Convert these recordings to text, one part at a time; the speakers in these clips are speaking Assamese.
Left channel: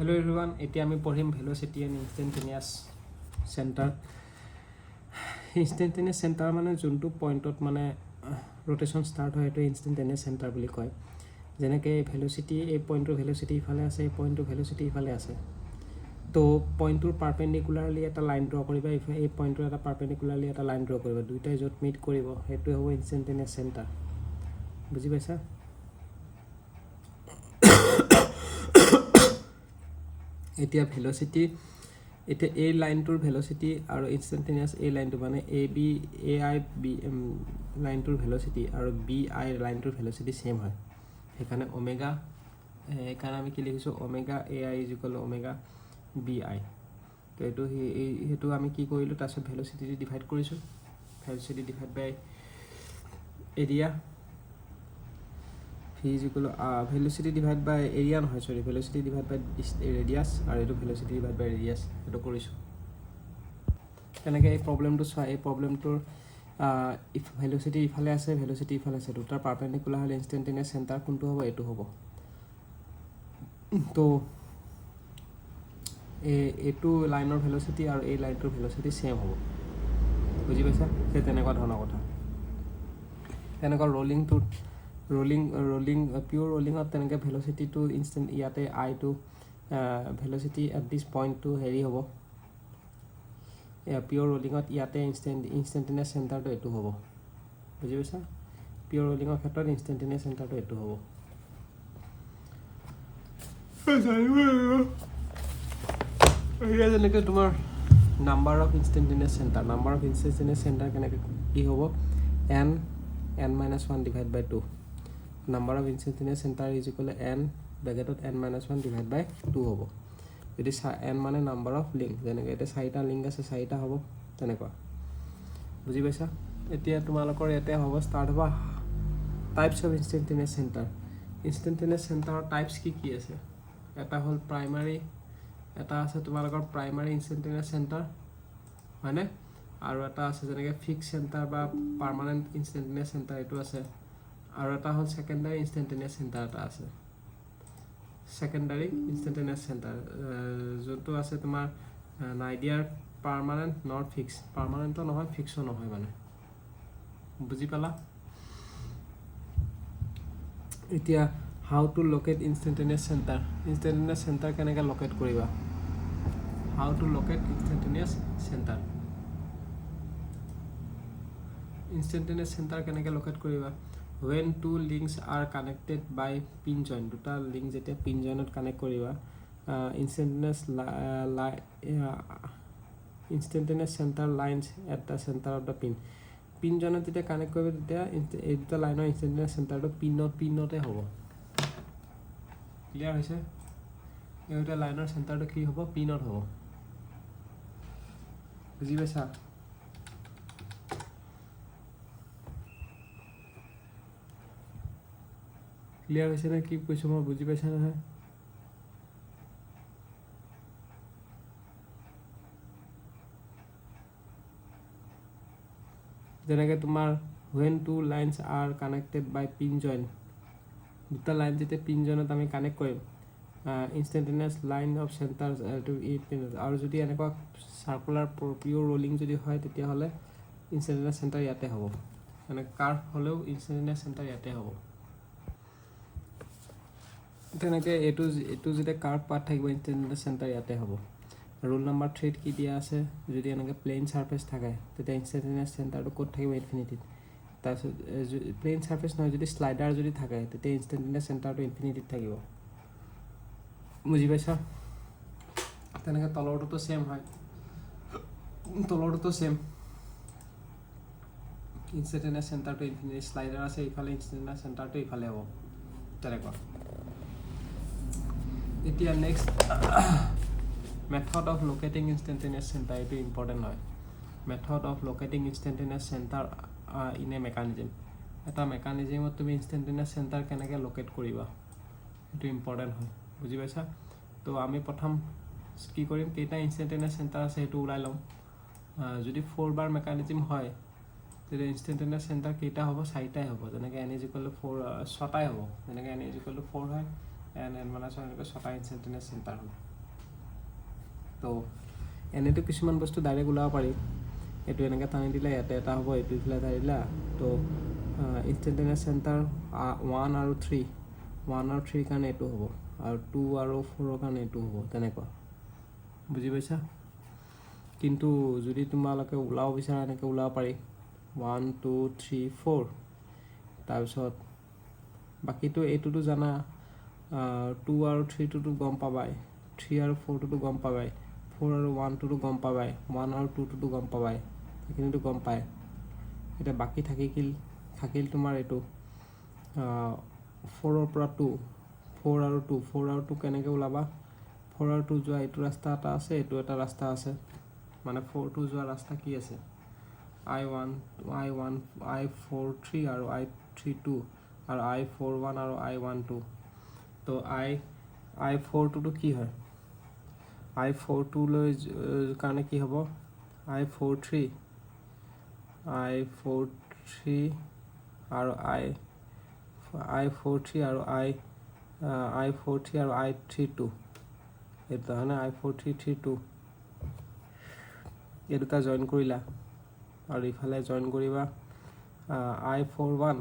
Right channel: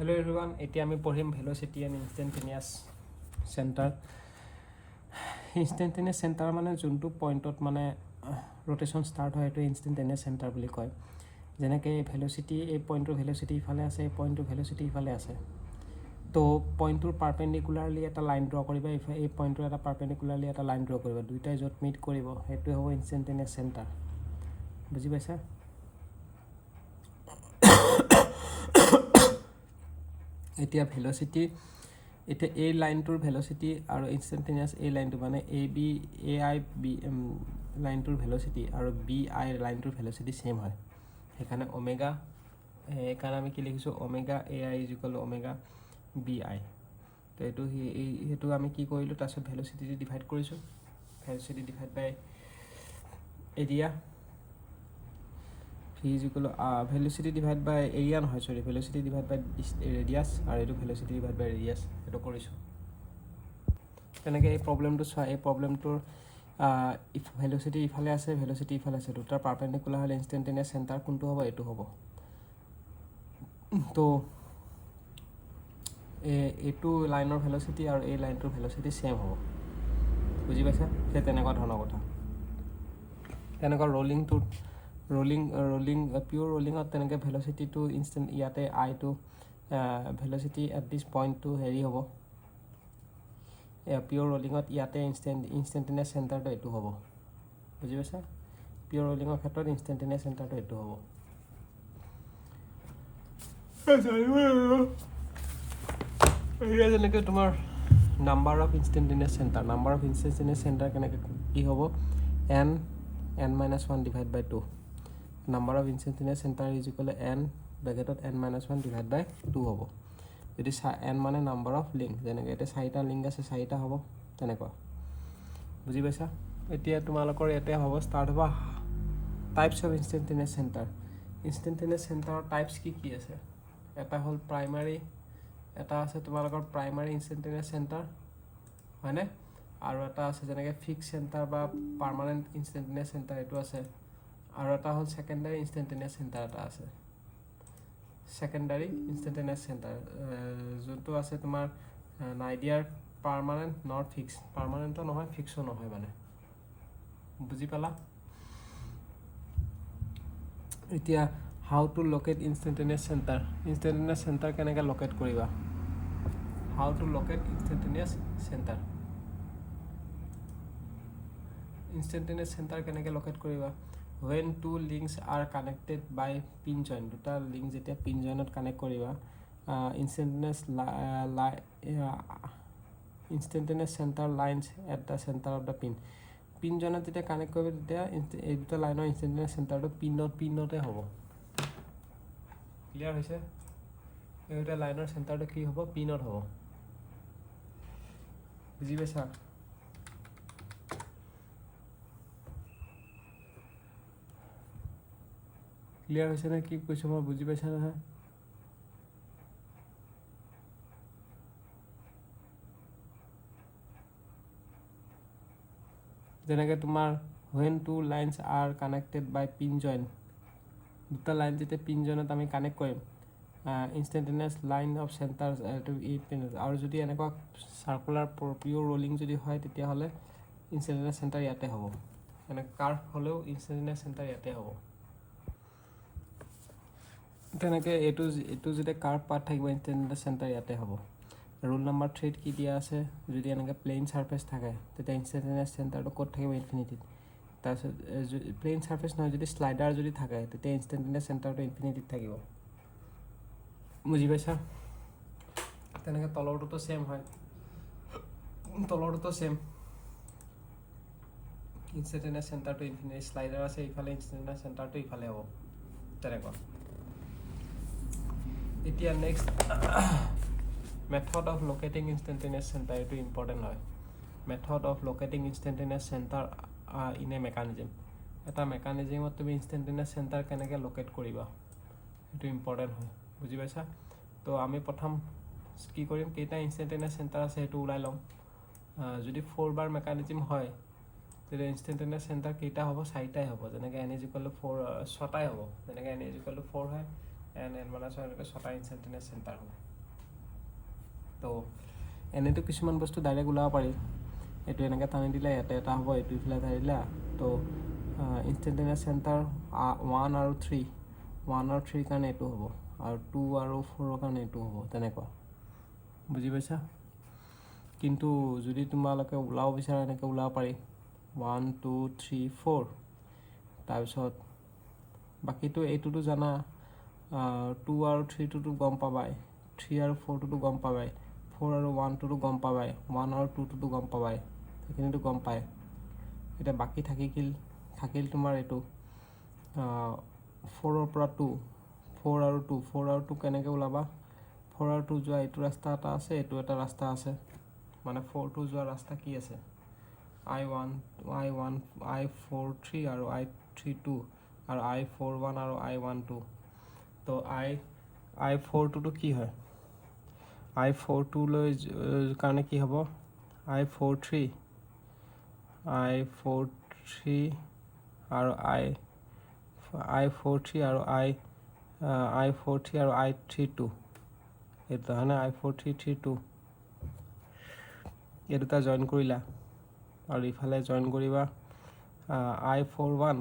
Hello everyone, এতিয়া আমি পঢ়িম velocity and instantaneous center. Instantaneous center মানে যোনটো পইণ্টত মানে rotation start হয় এটো instantaneous center বুলি কয় যেনেকৈ velocity এই পইণ্টৰ velocity ইফালে আছে এই পইণ্টৰ velocity ইফালে আছে তো পইণ্টৰ পাৰপেণ্ডিকুলাৰলি এটা লাইন ড্ৰ কৰিবা এই পইণ্টৰ এটা পাৰপেণ্ডিকুলাৰলি এটা লাইন ড্ৰ কৰিবা দুইটাই য'ত মিট কৰিব সেইটো হ'ব instantaneous center বুজি পাইছা এতিয়া velocity এটা এই লাইনটোৰ velocity আৰু instantaneous এই লাইনটো মানে ab ai b লাইনটোৰ velocity আৰু bi লাইনটোৰ velocity সেম হয় সেইকাৰণে ওমেগা এইকাৰণে আমি কি লিখিছো ওমেগা ai ওমেগা bi তো এটো আমি কি কৰিলো তাৰছত velocity ডিভাইড কৰিছো velocity divide by area v is equal to velocity divided by area নহয় sorry velocity divided by radius আৰু এটো velocity divided by radius এটো কৰিছো এনেকৈ এই প্ৰবলেমটো চোৱা এই প্ৰবলেমটোৰ if velocity ইফালে আছে velocity ইফালে আছে দুটাৰ পাৰপেণ্ডিকুলাৰ হলে ইনস্ট্যান্টেনিয়াস সেন্টাৰ কোনটো হ'ব এটো হ'ব তো এটো লাইনৰ velocity আৰু এই লাইনটোৰ velocity সেম হ'ব বুজি পাইছা সেই তেনেকুৱা ধৰণৰ কথা এনেকুৱা rolling pure rolling at teneke velocity to instant yate I to velocity at this point to heri hobo pure rolling at yate instantaneous center to etu hobo buji paisa pure rolling at khetor instantaneous center to etu hobo like tomar number of instantaneous center keneke ki hobo n minus 1 divided by 2 number of instantaneous center is equal to n bracket of n minus 1 divided by 2 hobo যদি n মানে number of link যেনেকৈ এটা চাৰিটা লিংক আছে চাৰিটা হ'ব তেনেকুৱা বুজি পাইছা এতিয়া তোমালোকৰ ইয়াতে হ'ব স্টাৰ্ট হ'ব types of instantaneous center types কি আছে এটা হ'ল প্ৰাইমাৰী এটা আছে তোমালোকৰ প্ৰাইমাৰী instantaneous center হয়নে আৰু এটা আছে যেনেকৈ ফিক্স সেন্টাৰ বা পাৰ্মানেন্ট instantaneous center এটো আছে আৰু এটা হ'ল সেকেন্ডাৰী instantaneous center এটা আছে সেকেন্ডাৰী instantaneous center যোনটো আছে তোমাৰ নাইডিয়াৰ পার্মানেন্ট নট ফিক্স পার্মানেন্টও নহয় ফিক্সও নহয় মানে বুজি পালা এতিয়া how to locate instantaneous center কেনেকৈ locate কৰিবা how to locate instantaneous center কেনেকৈ locate কৰিবা when two links are connected by pin joint দুটা লিংক যেতিয়া pin joint কানেক্ট কৰিবা instantaneous center lines at the center of the pin joint যেতিয়া কানেক্ট কৰিবা তেতিয়া এই দুটা লাইনৰ instantaneous center টো পিনতে হ'ব ক্লিয়াৰ হৈছে এই দুটা লাইনৰ চেণ্টাৰটো কি হ'ব পিনত হ'ব বুজি পাইছা ক্লিয়াৰ হৈছে নে কি কৈছো মই বুজি পাইছা নহয় যেনেকৈ তোমাৰ when two lines are connected by pin joint দুটা লাইন যেতিয়া pin jointত আমি কানেক্ট কৰিম instantaneous line of centers to each pin আৰু যদি এনেকুৱা সার্কুলার পিওর রোলিং যদি হয় তেতিয়া হলে instantaneous center ইয়াতে হ'ব মানে কার্ভ হলেও instantaneous center ইয়াতে হ'ব তেনেকৈ এটো যেতিয়া কার্ভ পাথ থাকিব instantaneous center ইয়াতে হ'ব রুল নাম্বার 3 কি দিয়া আছে যদি এনেকৈ প্লেন সারফেস থাকে তেতিয়া instantaneous center টো ক'ত থাকিব ইনফিনিটিত তাৰপিছত প্লেন সাৰফেস নহয় যদি স্লাইডাৰ যদি থাকে তেতিয়া instantaneous center টো ইনফিনিটিত থাকিব বুজি পাইছা তেনেকৈ তলৰটো সেম হয় তলৰটো সেম instantaneous center টো ইনফিনিটি স্লাইডাৰ আছে ইফালে instantaneous center টো ইফালে হ'ব তেনেকুৱা এতিয়া next method of locating instantaneous center is important হয় method of locating instantaneous center in a mechanism এটা মেকানিজমত তুমি instantaneous center কেনেকৈ লোকেট কৰিবা এটো ইম্পৰ্টেন্ট হয় বুজি পাইছা তো আমি প্ৰথম কি কৰিম কেটা instantaneous center আছে এটো উলাই লম যদি 4 বাৰ মেকানিজম হয় তেনে instantaneous center কেটা হ'ব চাৰিটাই হ'ব যেনেকৈ n = 4 ছটাই হ'ব যেনেকৈ n = 4 হয় n1 আছে এনেকৈ 6টা ইনষ্টেণ্টেনিয়াছ চেণ্টাৰ হ'ব তো এনেতো কিছুমান বস্তু ডাইৰেক্ট ওলাব পাৰি এইটো এনেকৈ টানি দিলে ইয়াতে এটা হ'ব এইটো ইফালে টানি দিলা তো ইনষ্টেণ্টেনিয়াছ চেণ্টাৰ 1 আৰু 3 1 আৰু 3 কাৰণে এইটো হ'ব আৰু 2 আৰু 4 কাৰণে এইটো হ'ব তেনেকুৱা বুজি পাইছা কিন্তু যদি তোমালোকে ওলাব বিচাৰা এনেকৈ ওলাব পাৰি 1 2 3 4 তাৰপিছত বাকীটো এইটোতো জানা 2 আৰু 3 টোতো গম পাবাই 3 আৰু 4 টোতো গম পাবাই 4 আৰু 1 টোতো গম পাবাই 1 আৰু 2 টোতো গম পাবাই এইখিনিতো গম পায় এতিয়া বাকী থাকিল তোমাৰ এইটো 4 ৰ পৰা 2 4 আৰু 2 কেনেকৈ ওলাবা 4 আৰু 2 যোৱা এইটো ৰাস্তা এটা আছে এইটো এটা ৰাস্তা আছে মানে 4 2 যোৱা ৰাস্তা কি আছে I1 I43 আৰু I32 আৰু I41 আৰু I12 তো I42 টো কি হয় I42 লৈ কাৰণে কি হ'ব I43 আৰু I43 আৰু I43 আৰু I32 এইটো হয় না I4332 এই দুটা জয়েন কৰিলা আৰু ইফালে জয়েন কৰিবা I41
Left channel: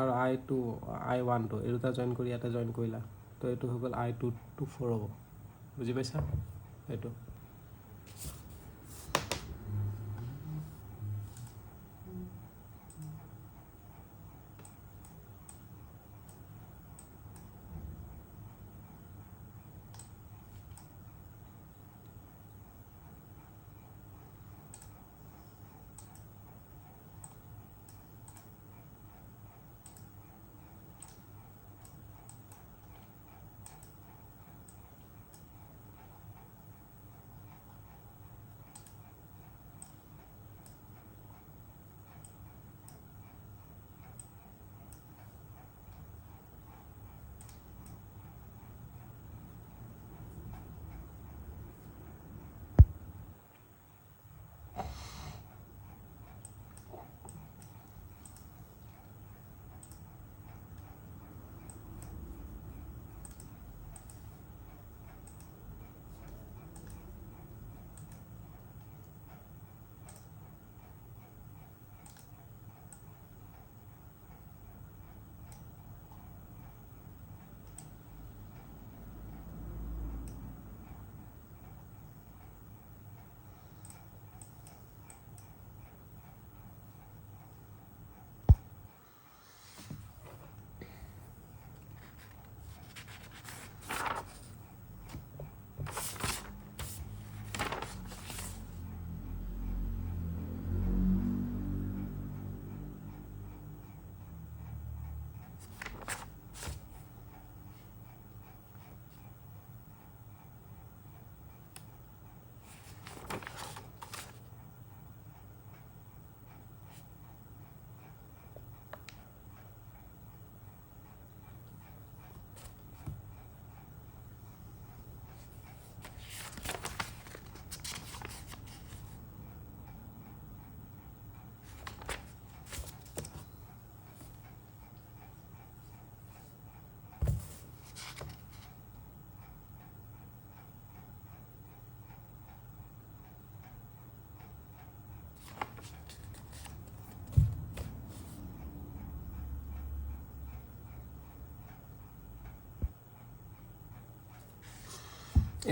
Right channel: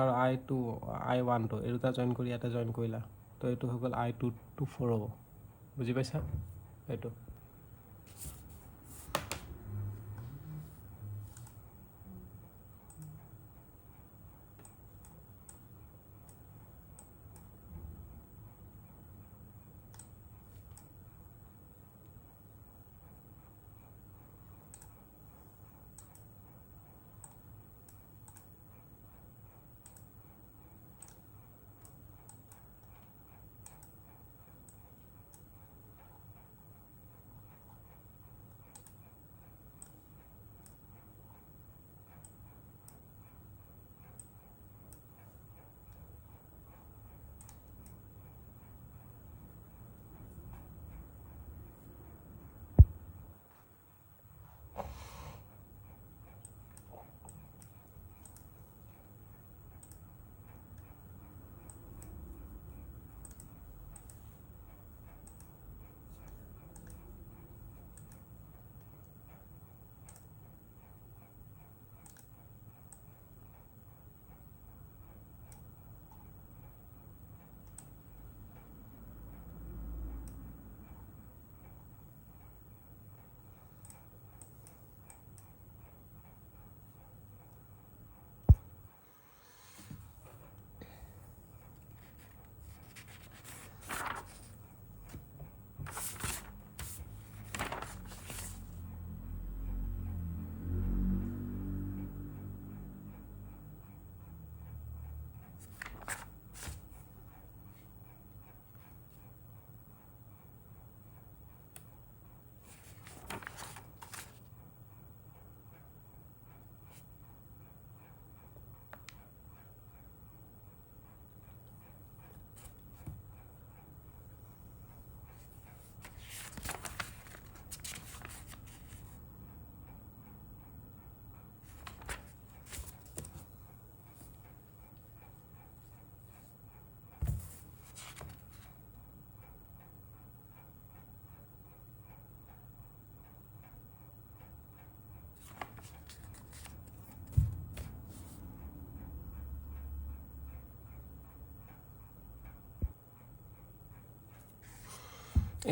আৰু I12 এই দুটা জয়েন কৰি ইয়াতে জয়েন কৰিলা তো এইটো হৈ গ'ল I224 হ'ব বুজি পাইছা এইটো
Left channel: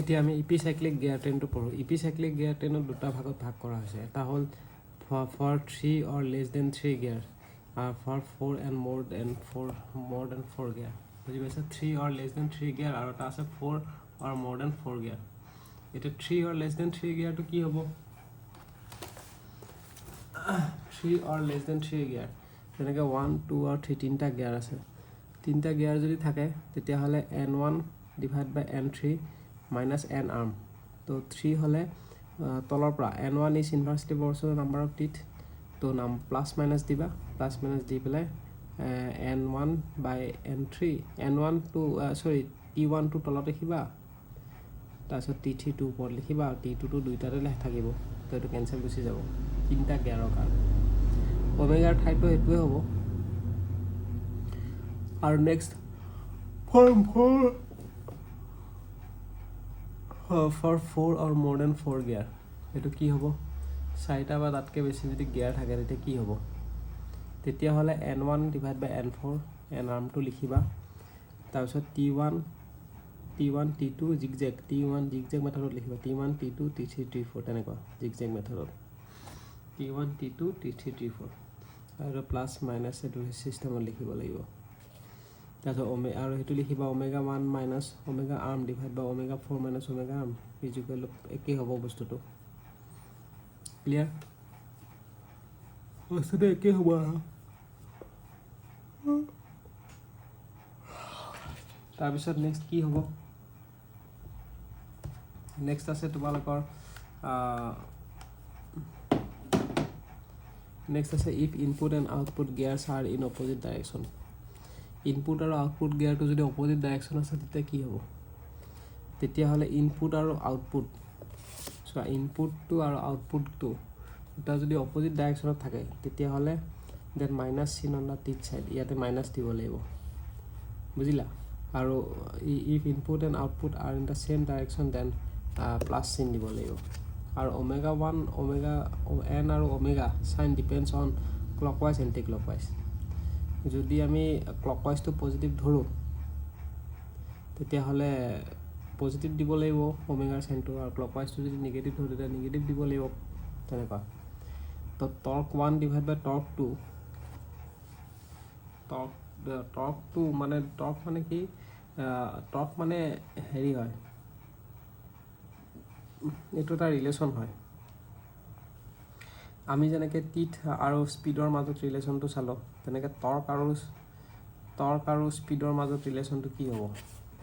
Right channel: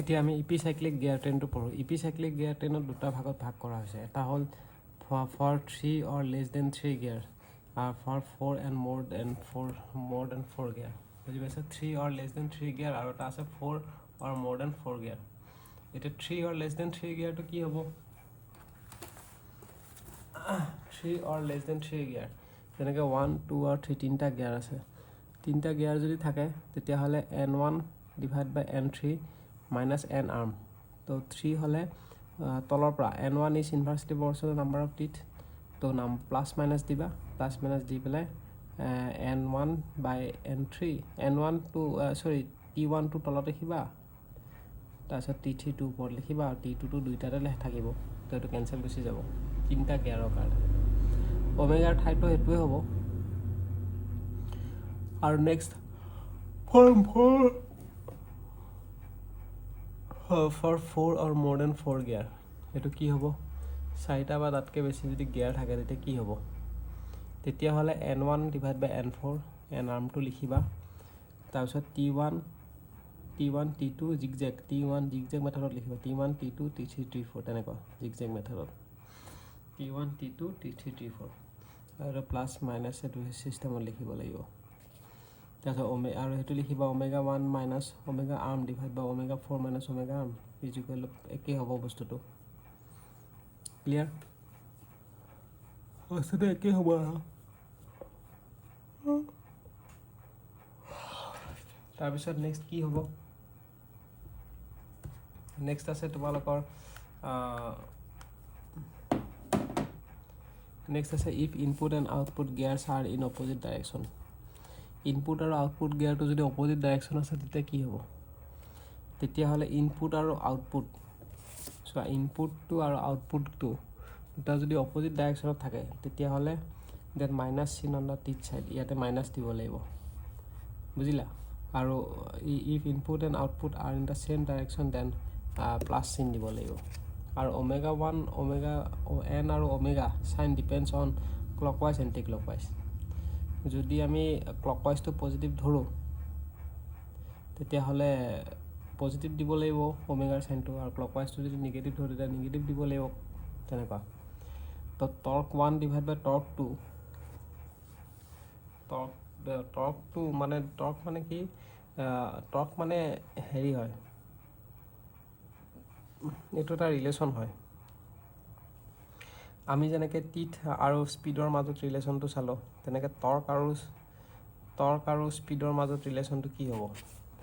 এতিয়া আমি ইপিসাইক্লিক গিয়াৰ ট্ৰেইনটো পঢ়োঁ ইপিসাইক্লিক গিয়াৰ ট্ৰেইনত দুটা ভাগত ভাগ কৰা হৈছে এটা হ'ল for 3 or less than 3 gear for 4 and more than 4 gear বুজি পাইছা 3 অৰ লেছ দেন 3 গিয়াৰ আৰু এটা আছে 4 অৰ মোৰ দেন 4 গিয়াৰ এতিয়া 3 অৰ লেছ দেন 3 গিয়াৰটো কি হ'ব 3 অৰ লেছ দেন 3 গিয়াৰ যেনেকৈ 1 2 আৰু 3 তিনিটা গিয়াৰ আছে তিনিটা গিয়াৰ যদি থাকে তেতিয়াহ'লে N1 ডিভাইড বাই N3 minus n arm তো 3 হলে তলৰ পৰা n1 is inversely proportional number of teeth তো নাম প্লাস মাইনাস দিবা প্লাস মাইনাস দি পেলাই n1 by n3 n1 to sorry t1 to তলত লিখিবা তাৰপিছত t3 to ওপৰত লিখিবা আৰু t2 to দুইটাতে থাকিব তো এইটো কেনসেল গুচি যাব তিনিটা গিয়াৰৰ কাৰণে ওমেগাৰ ঠাইটো এইটোৱে হ'ব আৰু next for 4 or more than 4 gear এটো কি হ'ব 4টা বা তাতকে বেছি যদি গিয়াৰ থাকে তেতিয়া কি হ'ব তেতিয়া হলে n1 divided by n4 n arm টো লিখিবা তাৰপিছত t1 t2 zigzag t1 zigzag মেথডত লিখিবা t1 t2 t3 t4 তেনেকুৱা zigzag মেথডত t1 t2 t3 t4 আৰু প্লাস মাইনাস এটো সিস্টেমত লিখিব লাগিব তাৰপিছত আৰু হেতু লিখিবা omega 1 minus omega arm divided by omega 4 minus omega arm is equal to একে হ'ব বস্তুটো ক্লিয়াৰ বস্তুটো একে হ'ব তাৰপিছত নেক্সট কি হ'ব নেক্সট আছে তোমালোকৰ নেক্সট আছে if input and output gears are in opposite direction input আৰু output gear টো যদি opposite direction আছে তেতিয়া কি হ'ব তেতিয়া হলে input আৰু output so input টো আৰু output টো এটা যদি opposite direction থাকে তেতিয়া হলে then minus sign on the teeth side ইয়াতে minus দিব লাগিব বুজিলা আৰু if input and output are in the same direction then plus sign দিব লাগিব আৰু omega 1 omega n আৰু omega sign depends on clockwise and anti-clockwise যদি আমি clockwise to positive ধৰো তেতিয়া হলে positive দিব লাগিব omega sign to আৰু clockwise to যদি negative ধৰো তেতিয়া negative দিব লাগিব তেনেকুৱা তো torque 1 divided by torque 2 torque 2 মানে torque মানে কি torque মানে হেৰি হয় এটো এটা ৰিলেশন হয় আমি যেনেকে টিথ আৰু স্পিডৰ মাজত ৰিলেশনটো চালো তেনেকে টৰ্ক আৰু স্পিডৰ মাজত ৰিলেশনটো কি হ'ব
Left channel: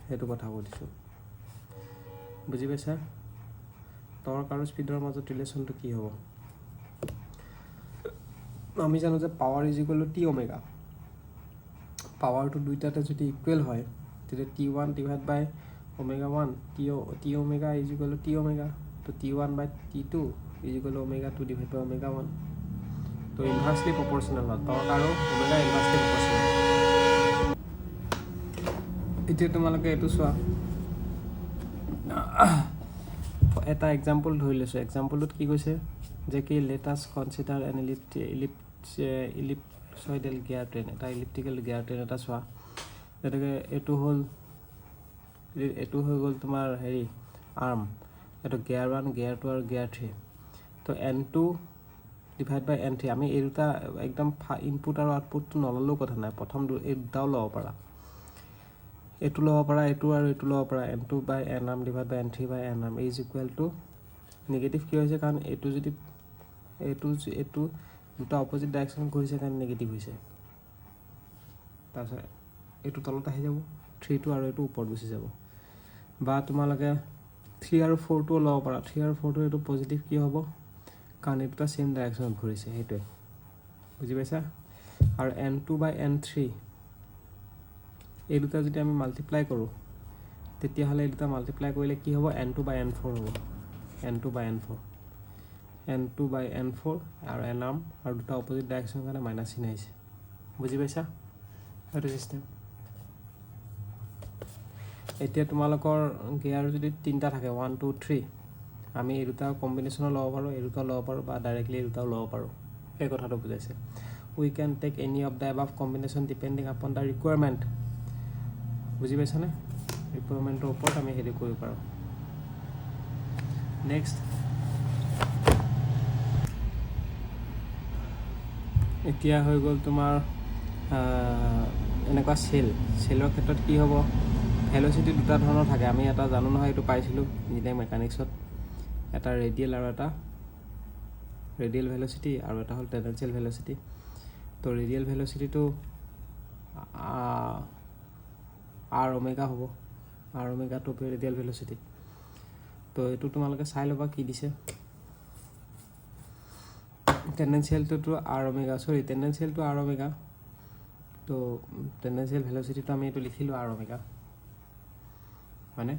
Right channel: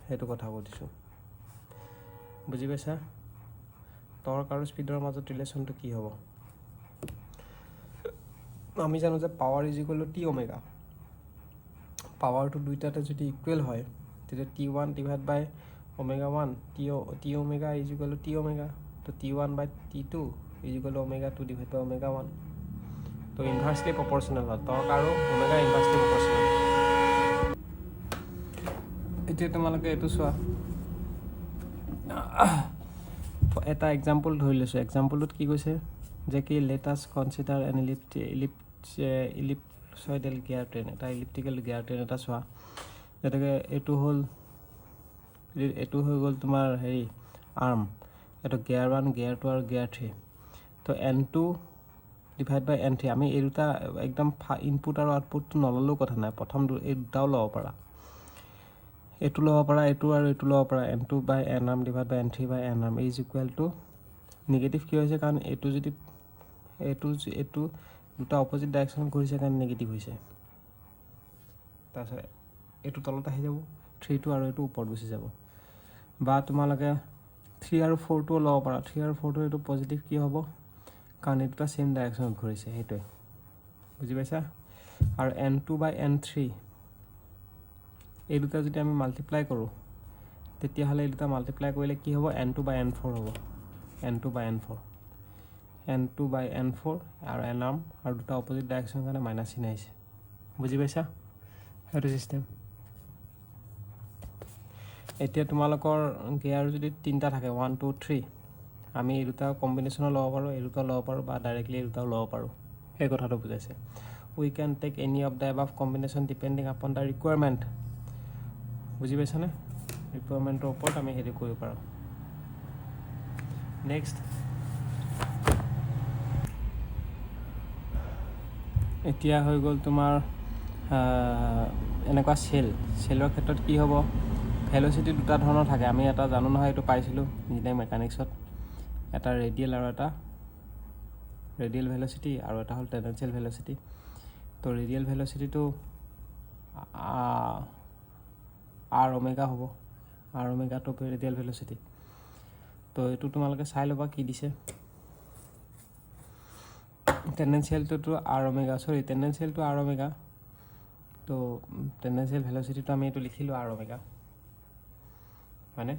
হেতু কথা কৈছো বুজি পাইছা টৰ্ক আৰু স্পিডৰ মাজত ৰিলেশনটো কি হ'ব আমি জানো যে power is equal to T omega পাৱাৰটো দুইটাতে যদি ইকুৱেল হয় তেতিয়া t1 divided by omega 1 t omega is equal to t omega to t1 by t2 is equal to omega 2 divided by omega 1 तो inversely proportional होता है और omega inversely proportional इतने तुम्हारे के तो स्वा এটা एग्जांपल ধৰি লৈছো एग्जांपलত কি কৈছে যে কি let us consider an ellipsoidal gear train এটা elliptical gear train এটা স্ৱা যেটাকে এটো হল এটো হৈ গল তোমাৰ হেৰি আৰ্ম এটো গিয়াৰ 1 গিয়াৰ 2 আৰু গিয়ার 3 তো n2 divided by n3 আমি এই দুটা একদম ইনপুট আৰু আউটপুট নললো কথা নাই প্ৰথম এই দুটাও লব পাৰা এটো লব পাৰা এটো আৰু এটো লব পাৰা n2 by n arm divided by n3 by n arm is equal to negative কি হৈছে কাৰণ এটো যদি এটো দুটা অপোজিট ডাইৰেকশন ঘূৰিছে কাৰণ নেগেটিভ হৈছে তাৰপিছত এটো তলত আহি যাব 3 টো আৰু এটো ওপৰত গুচি যাব বা তোমালকে 3 আৰু 4 টো লব পাৰা 3 আৰু 4 টো এটো পজিটিভ কি হ'ব কাৰণ এটা সেম ডাইৰেকশন ঘূৰিছে হেতু বুজি পাইছা আৰু n2 by n3 এই দুটা যদি আমি মাল্টিপ্লাই কৰো তেতিয়া হলে এই দুটা মাল্টিপ্লাই কৰিলে কি হ'ব n2 by n4 হ'ব n2 by n4 আৰু n arm আৰু দুটা অপোজিট ডাইৰেকশন কাৰণে মাইনাস চিন আহিছে বুজি পাইছা হেতু সিস্টেম এতিয়া তোমালোকৰ গিয়াৰ যদি তিনটা থাকে 1 2 3 আমি এই দুটা কম্বিনেশন লব পাৰো এই দুটা লব পাৰো বা ডাইৰেক্টলি এই দুটা লব পাৰো এই কথাটো বুজাইছে we can take any of the above combination depending upon the requirement বুজি পাইছানে ৰিকুৱাৰমেন্টৰ ওপৰত আমি হেৰি কৰিব পাৰো নেক্সট এতিয়া হৈ গল তোমাৰ এনেকুৱা সেলৰ ক্ষেত্ৰত কি হ'ব ভেলোসিটি দুটা ধৰণৰ থাকে আমি এটা জানো নহয় এটো পাইছিলো ইঞ্জিনিয়াৰিং মেকানিক্সত এটা ৰেডিয়েল আৰু এটা ৰেডিয়েল ভেলোসিটি আৰু এটা হল টেনজেন্সিয়েল ভেলোসিটি তো ৰেডিয়েল ভেলোসিটি টো r ওমেগা হ'ব r ওমেগা টো ৰেডিয়েল ভেলোসিটি তো এটো তোমালকে চাই লবা কি দিছে টেনজেন্সিয়েল টো r ওমেগা সৰি টেনজেন্সিয়েল টো r ওমেগা তো টেনজেন্সিয়েল ভেলোসিটি টো আমি এটো লিখিলো r ওমেগা মানে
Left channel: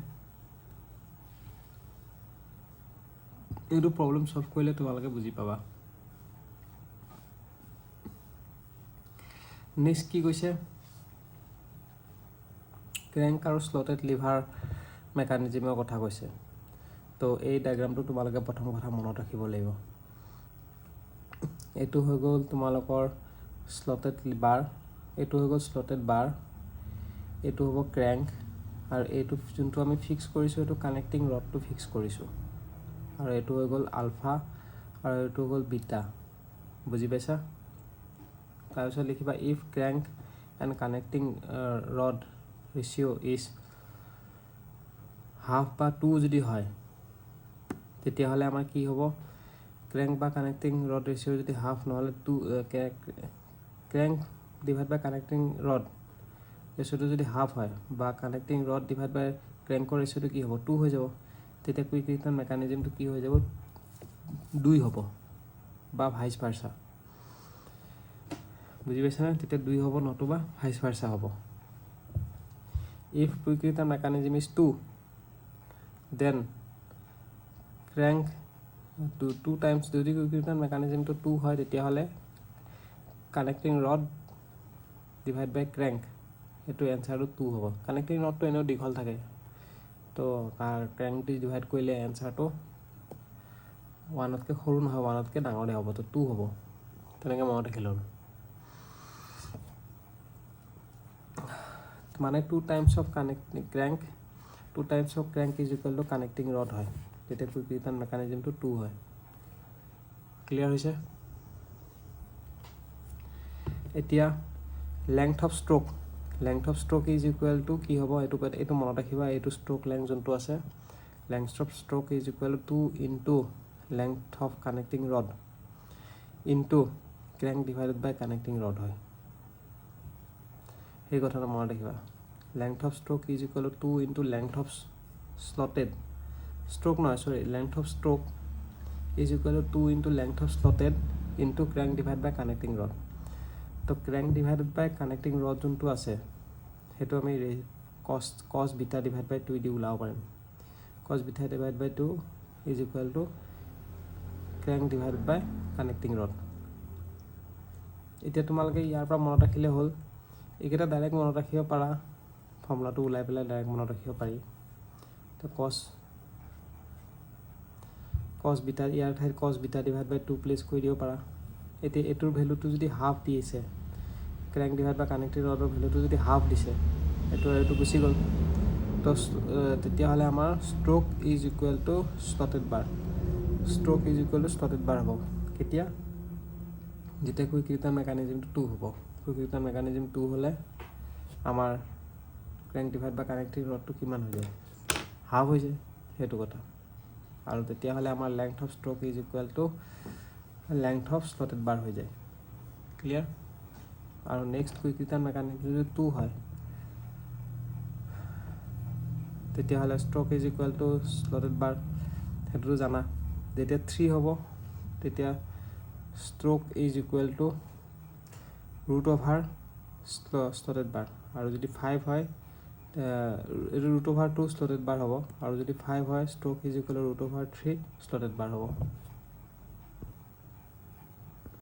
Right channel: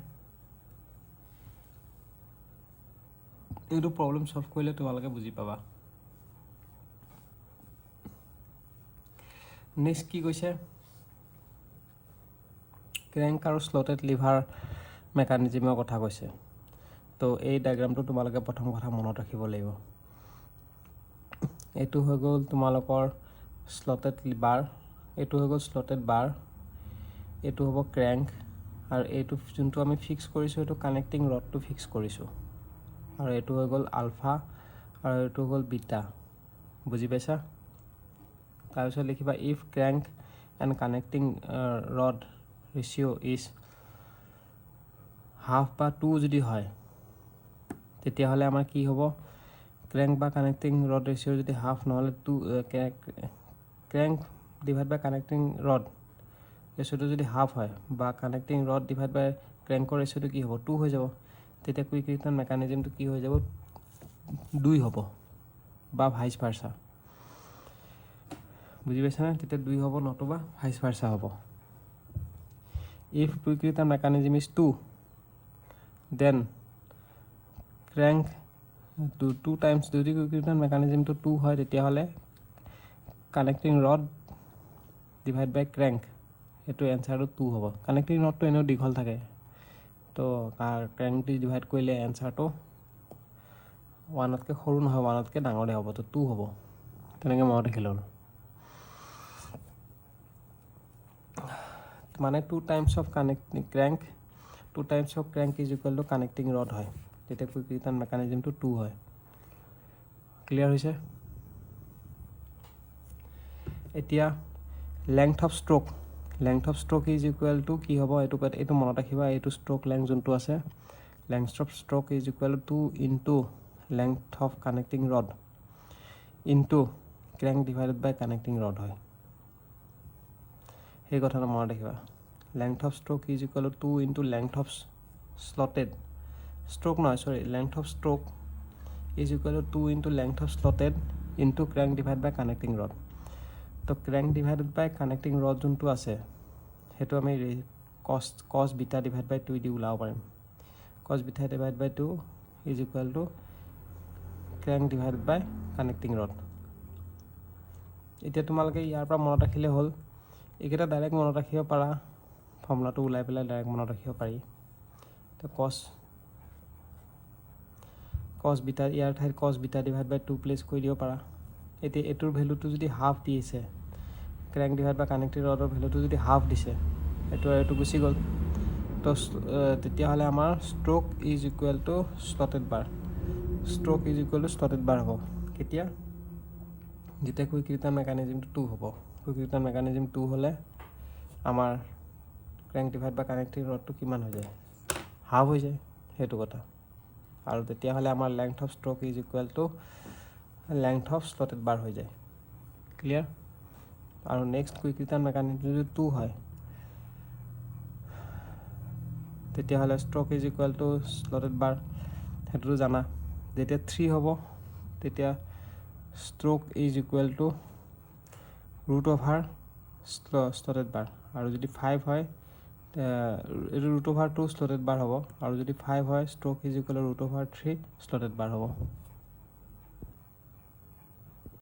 এইটো প্ৰবলেম সলভ কৰিলে তোমালকে বুজি পাবা নেক্সট কি কৈছে ক্ৰেংক আৰু স্লটেড লিভাৰ মেকানিজিমৰ কথা কৈছে তো এই ডায়াগ্ৰামটো তোমালোকে প্ৰথম কথা মনত ৰাখিব লাগিব এইটো হৈ গ'ল তোমালোকৰ স্লটেড লিভাৰ এইটো হৈ গ'ল স্লটেড বাৰ এইটো হ'ব ক্ৰেংক আৰু এইটো যোনটো আমি ফিক্স কৰিছোঁ এইটো কানেক্টিং ৰডটো ফিক্স কৰিছোঁ আৰু এইটো হৈ গ'ল আলফা আৰু এইটো হৈ গ'ল বিটা বুজি পাইছা তাৰপিছত লিখিবা if crank and connecting rod ratio' is half বা 2 যদি হয় তেতিয়াহ'লে আমাৰ কি হ'ব ক্ৰেংক বা কানেক্টিং ৰড ৰেচিঅ' যদি হাফ নহ'লে 2 ক্ৰেংক ডিভাইড বাই কানেক্টিং ৰড ৰেচিঅ'টো যদি হাফ হয় বা কানেক্টিং ৰড ডিভাইড বাই ক্ৰেংকৰ ৰেচিঅ'টো কি হ'ব 2 হৈ যাব তেতিয়া কুইক ৰিটাৰ্ণ মেকানিজমটো কি হৈ যাব 2 হ'ব বা ভাইচ ভাৰ্চা বুজি পাইছানে তেতিয়া 2 হ'ব নতুবা ভাইচ ভাৰ্চা হ'ব if quick return mechanism is 2 then crank 2 times যদি quick return mechanism to 2 হয় তেতিয়াহ'লে connecting rod divide by crank এটো এনসাৰটো 2 হ'ব connecting rod তো এনেও দীঘল থাকে তো crank দি ডিভাইড কৰিলে এনসাৰটো 1 তকৈ সৰু নহয় 1 তকৈ ডাঙৰ হ'ব তো 2 হ'ব তেনেকৈ মনত ৰাখিলো মানে 2 times of connecting crank 2 times of crank is equal to connecting rod হয় তেতিয়া quick return mechanism to 2 হয় ক্লিয়াৰ হৈছে এতিয়া length of stroke is equal to কি হ'ব এইটো মনত ৰাখিবা এইটো stroke length যোনটো আছে length of stroke is equal to 2 into length of connecting rod into crank divided by connecting rod হয় এই কথাটো মনত ৰাখিবা length of stroke is equal to 2 into length of slotted length of stroke is equal to 2 into length of slotted into crank divided by connecting rod তো crank divided by connecting rod যোনটো আছে হেতু আমি cos beta divided by 2 দি উলাব পাৰিম cos beta divided by 2 is equal to crank divided by connecting rod এতিয়া তোমালোকে ইয়াৰ পৰা মনত ৰাখিলে হ'ল এইকেইটা ডাইৰেক্ট মনত ৰাখিব পাৰা ফৰ্মুলাটো উলাই পেলাই ডাইৰেক্ট মনত ৰাখিব পাৰি তো cos beta ইয়াৰ ঠাইত cos beta divided by 2 place কৰি দিব পাৰা এতি এটোৰ ভ্যালুটো যদি হাফ দিছে crank divided by connecting rod ৰ ভ্যালুটো যদি হাফ দিছে এটো গুছি গল তো তেতিয়া হলে আমাৰ stroke is equal to slotted bar হ'ব কেতিয়া যেতিয়া কুইক ৰিটাৰ্ণ মেকানিজম 2 হ'ব কুইক ৰিটাৰ্ণ মেকানিজম 2 হলে আমাৰ crank divided by connecting rod টো কিমান হৈ যায় হাফ হৈ যায় হেতু কথা আৰু তেতিয়া হলে আমাৰ length of stroke is equal to length of slotted bar হৈ যায় ক্লিয়াৰ আৰু নেক্সট কুইক ৰিটাৰ্ণ মেকানিজম যদি 2 হয় তেতিয়া হলে stroke is equal to slotted bar হেতু জানা যেতিয়া 3 হ'ব তেতিয়া stroke is equal to root over slotted bar আৰু যদি 5 হয় root over 2 slotted bar হ'ব আৰু যদি 5 হয় stroke is equal to root over 3 slotted bar হ'ব